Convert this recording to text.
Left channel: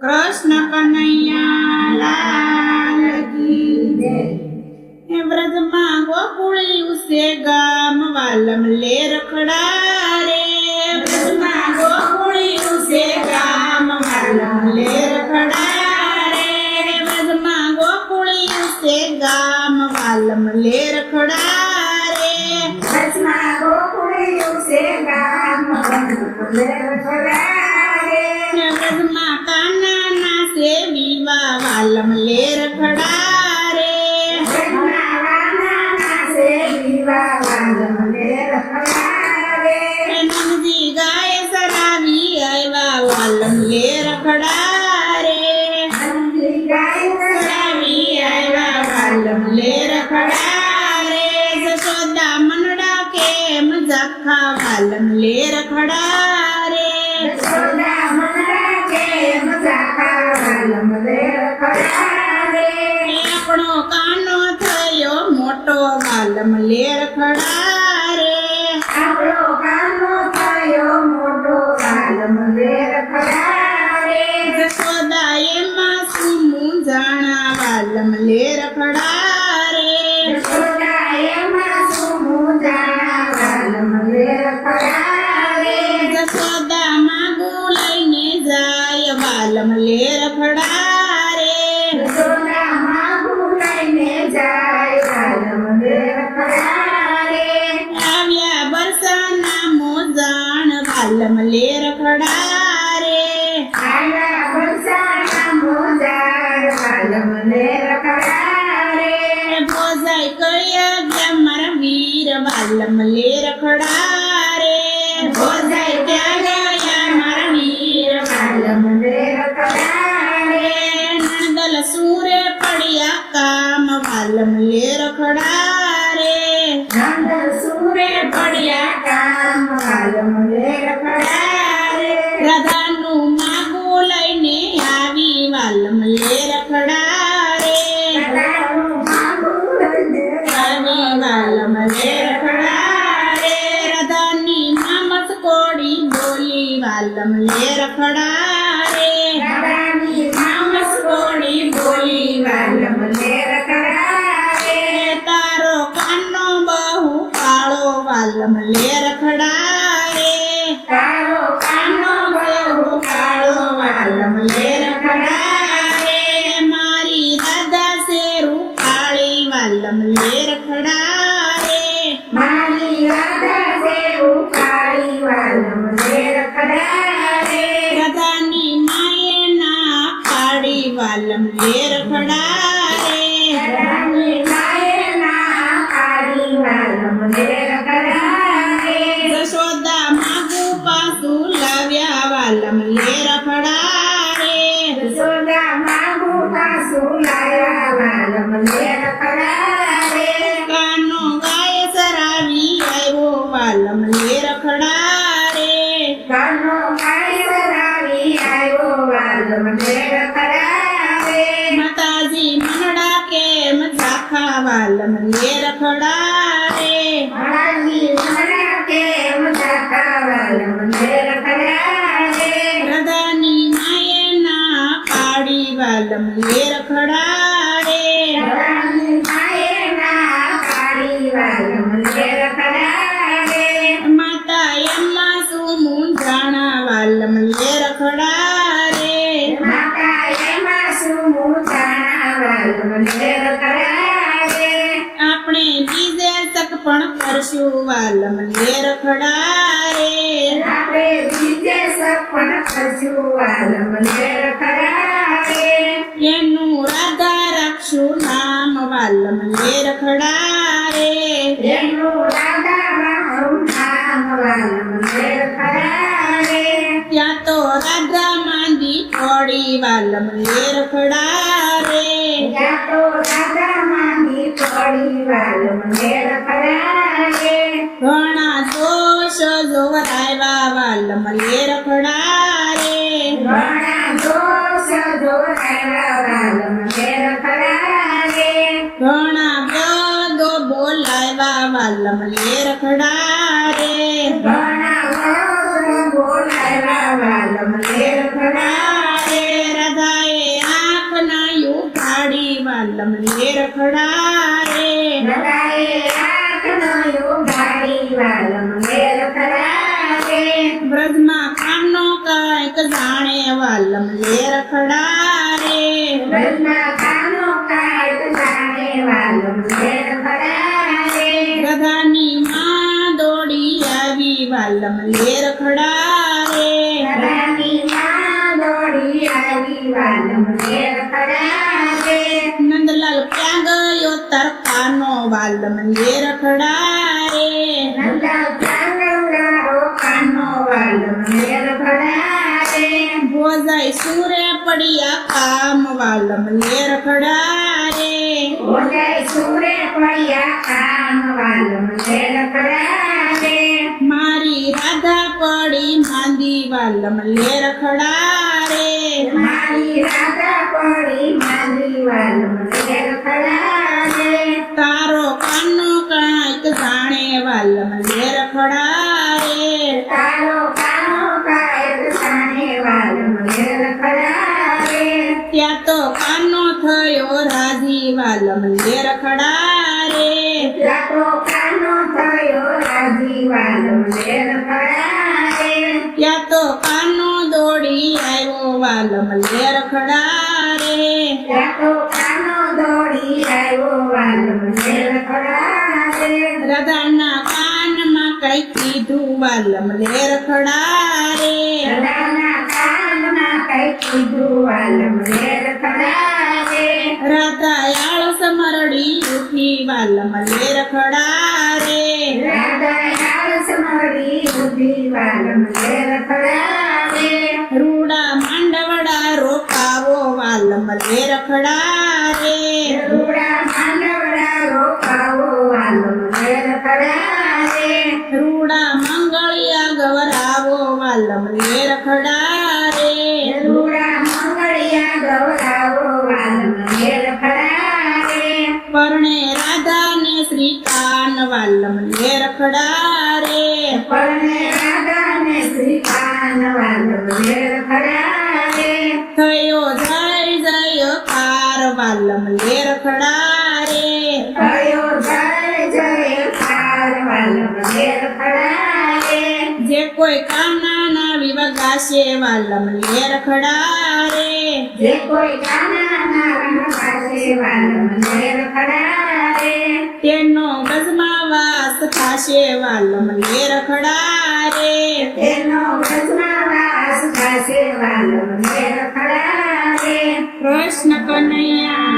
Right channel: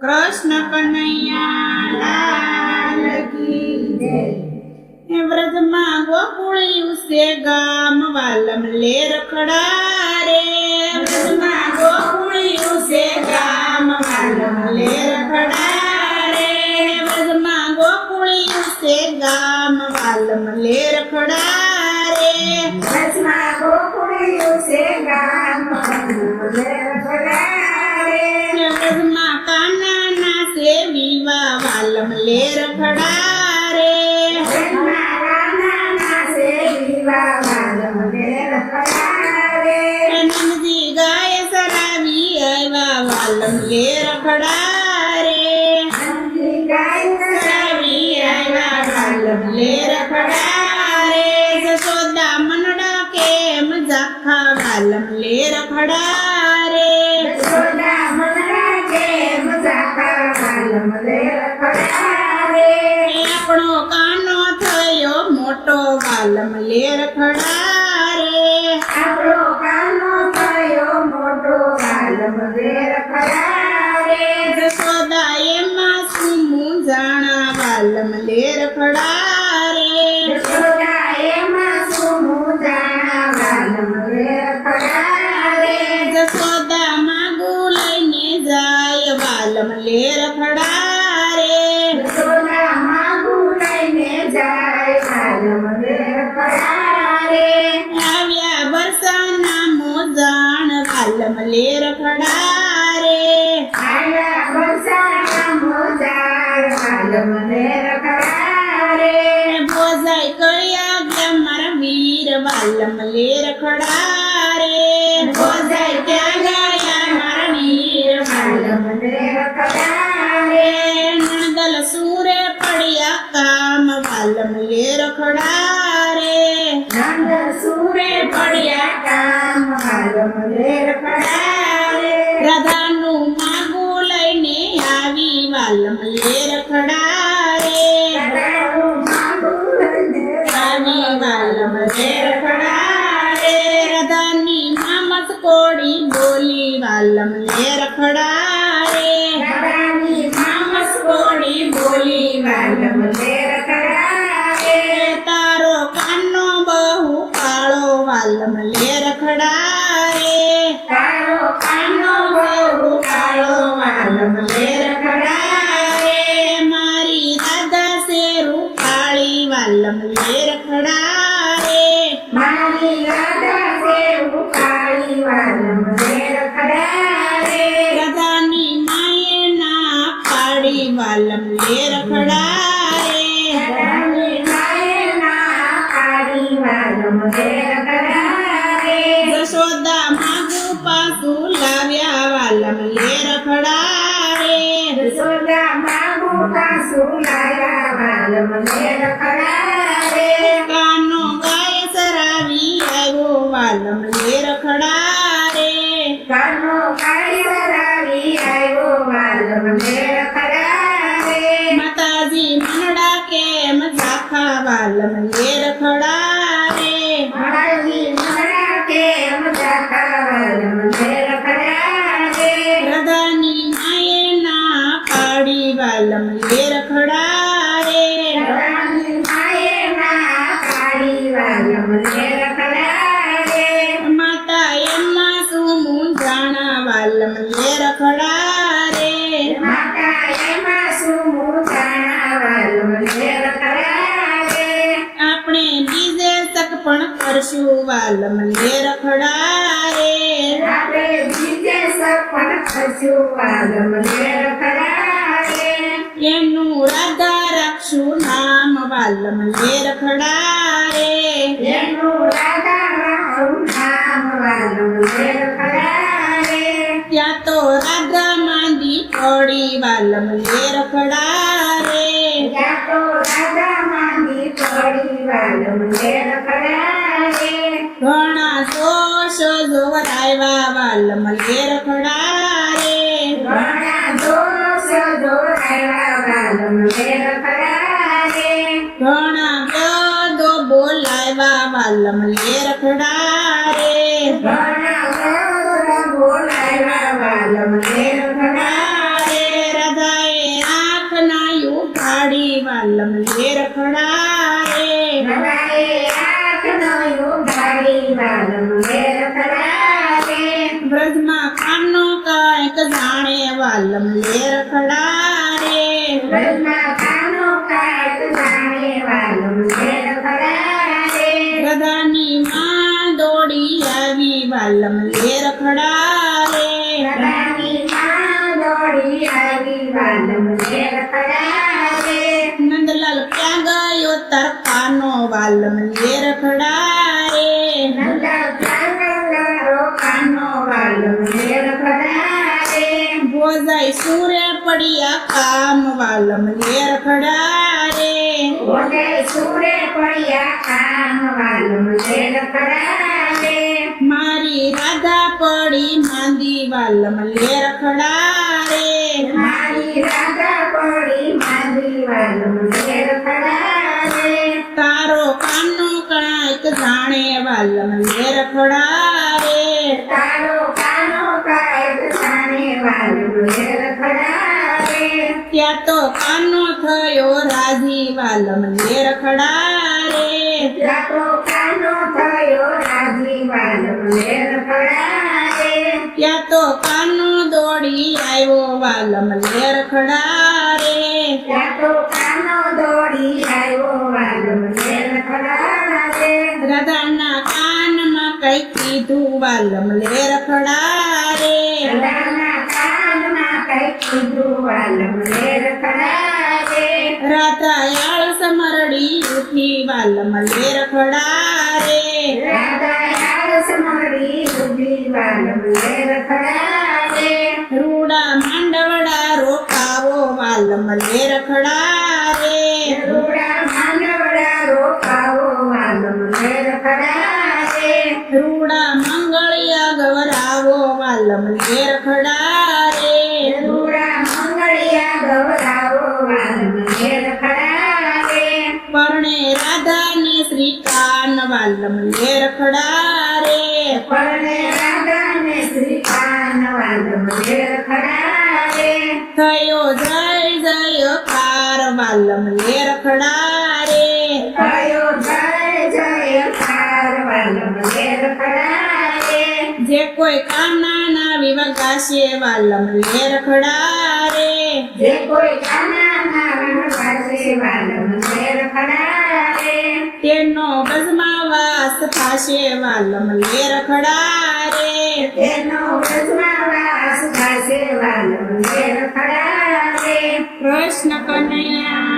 कृष्ण कन्हैया लाल की जय। व्रज माँ गोकुड़ी उसे गाम वालम ले रखड़ा रे। व्रज माँ गोकुड़ी उसे गाम वालम ले रखड़ा रे। व्रज माँ गोकुड़ी उसे गाम वालम ले रखड़ा रे। व्रज माँ गोकुड़ी उसे गाम वालम ले रखड़ा रे। व्रज माँ कान्हा ना से विवाह वालम ले रखड़ा रे। व्रज माँ कान्हा ना से विवाह वालम ले रखड़ा रे। नंदजी गाय सरावी आवा वालम ले रखड़ा रे। नंदी गाय सरावी आवा वालम ले रखड़ा रे। जसोदा मनड़ा के मजाखा वालम ले रखड़ा रे। यशोदा मनड़ा के मजाका वालम ले रखड़ा रे। આપણો કાનો થયો મોટો વાલમ ले रखड़ा रे। આપણો કાનો થયો મોટો વાલમ ले रखड़ा रे। જશોદા એમાં શું મૂંઝાણા વાલમ ले रखड़ा रे। यशोदा एमा सुमु जाना वालम ले रखड़ा रे। જશોદા માગું લઈને જાય વાલમ ले रखड़ा रे। यशोदा मागु लઈને જાય વાલમ ले रखड़ा रे। આવ્યા બરસાના મોજાણ વાલમ ले रखड़ा रे। આયા બરસાના મોજાર વાલમ ले रखड़ा रे। ભોજાઈ કયા ગયા મારા વીર વાલમ ले रखड़ा रे। ભોજાઈ ક્યાં ગયા મારા વીર વાલમ ले रखड़ा रे। નણદલ સૂરે પડ્યા કામ વાલમ ले रखड़ा रे। નંદ સૂરે પડ્યા કામ વાલમ ले रखड़ा रे। રાધાનું માગું લઈને આવી વાલમ ले रखड़ा रे। રાધાનું માગું લઈને આવી વાલમ ले रखड़ा रे। રાધાની મામસ કોડી બોલી વાલમ ले रखड़ा रे। રાધાની મામસ કોડી બોલી વાલમ ले रखड़ा रे। તારો કાનો બહુ કાળો વાલમ ले रखड़ा रे। તારો કાનો બહુ કાળો વાલમ ले रखड़ा रे। મારી દાદા શેરુ કાળી વાલમ ले रखड़ा रे। મારી રાધા દેવું કાળી વાલમ ले रखड़ा रे। રાધાની માએ ના પાડી વાલમ ले रखड़ा रे। રાધાની માએ ના કાળી વાલમ ले रखड़ा रे। જશોદા માગું પાછું લાવ્યા વાલમ ले रखड़ा रे। यशोदा मागु पासु लाया वालम ले रखड़ा रे। કાનો ગાય સરાવી આવ્યો વાલમ ले रखड़ा रे। कानो गाय सरावी आयो वालम ले रखड़ा रे। માતાજી મનડા કેમ ઝાખા વાલમ ले रखड़ा रे। महाराजी मनड़ा के मजाका वालम ले रखड़ा रे। રાધાની માએ ના પાડી વાલમ ले रखड़ा रे। राधानी माए ना काली वालम ले रखड़ा रे। માતા એમાં શું મૂંઝાણા વાલમ ले रखड़ा रे। माता एमा सुमु जाना वालम ले रखड़ा रे। આપણે બીજે તક પણ કરશું વાલમ ले रखड़ा रे। આપણે બીજે સપન કરશું વાલમ ले रखड़ा रे। એનું રાધા રાખશું નામ વાલમ ले रखड़ा रे। એનું રાધા રાખું નામ વાલમ ले रखड़ा रे। ત્યાં તો રાધા માંદી પડી વાલમ ले रखड़ा रे। ત્યાં તો રાધા માંગી પડી વાલમ ले रखड़ा रे। ઘણા દોષ જોવરાયવા વાલમ ले रखड़ा रे। ઘણા દોષ જોરાયા વાલમ ले रखड़ा रे। ઘણા ગદો બોલાયવા વાલમ ले रखड़ा रे। ઘણા બોલાયા વાલમ ले रखड़ा रे। રાધા રખડા રે ગદાએ આંખનો ઉઘાડી વાલમ લેર ખડા રે વ્રજમાં કાનો કાંઈક જાણે વાલમ લે રખડા રે વ્રજમાં કાનો કાંઈક જાણે વાલમ લેર ખડા રે ગધાની માં દોડી આવી વાલમ લે રખડા રે ગદાની માં દોડી આવી વાલમ લેર ખડા રે નંદલાલ ક્યાં ગયો તાર કાનો વાલમ લે રખડા રે નંદા ચાંદલારો કાનો વાલમ લેર ખડા રે ભોજાઈ સુરે પડ્યા કામ વાલમ લે રખડા રે ઓલે સુરે પડ્યા કામ વાલમ લેર ખડા રે મારી રાધા પડી માંદી વાલમ લે રખડા રે મારી રાધા પડી માંદી વાલમ લેર ખડા રે તારો કાનો કાંઈક જાણે વાલમ લે રખડા રે તારો કાનો કાંઈક જાણે વાલમ લેર ખડા રે ત્યાં તો કાનો થયો રાજી વાલમ લે રખડા રે જાતો કાનો થયો રાજી વાલમ લેર ખડા રે ત્યાં તો કાનો દોડી આવ્યો વાલમ લે રખડા રે જાતો કાનો દોડી આવ્યો વાલમ લેર ખડા રે રાધાના કાનમાં કઈ કીધું વાલમ લે રખડા રે રાધાના કાનમાં કઈ કીધું વાલમ લેર ખડા રે રાધા આળસ મરડી ઉઠી વાલમ લે રખડા રે રાધા આળસ મળી ઉભી વાલમ લેર ખડા રે રૂડા માંડવડા રોકાવો વાલમ લે રખડા રે રૂડા માંડવડા રોકાવો વાલમ લેર ખડા રે રૂડા મંગળિયા ગવરાવો વાલમ લે રખડા રે રૂડા મંગળિયા ગૌરાવો વાલમ લેર ખડા રે પરણે રાધા ને શ્રી કાન વાલમ લે રખડા રે પરણે રાધા ને શ્રી કાન વાલમ લેર ખડા રે થયો જય જય કાર વાલમ લે રખડા રે કયો જય જય કાર વાલમ લેર ખડા રે જે કોઈ કાના ના વિવગાશે વાલમ લે રખડા રે જે કોઈ કાના ના પાસે વાલમ લેર ખડા રે તેનો બજમાં વાસ થાશે વાલમ લે રખડા રે તેનો વ્રજમાં વાસ થશે વાલમ લેર ખડા રે કૃષ્ણ કનૈયા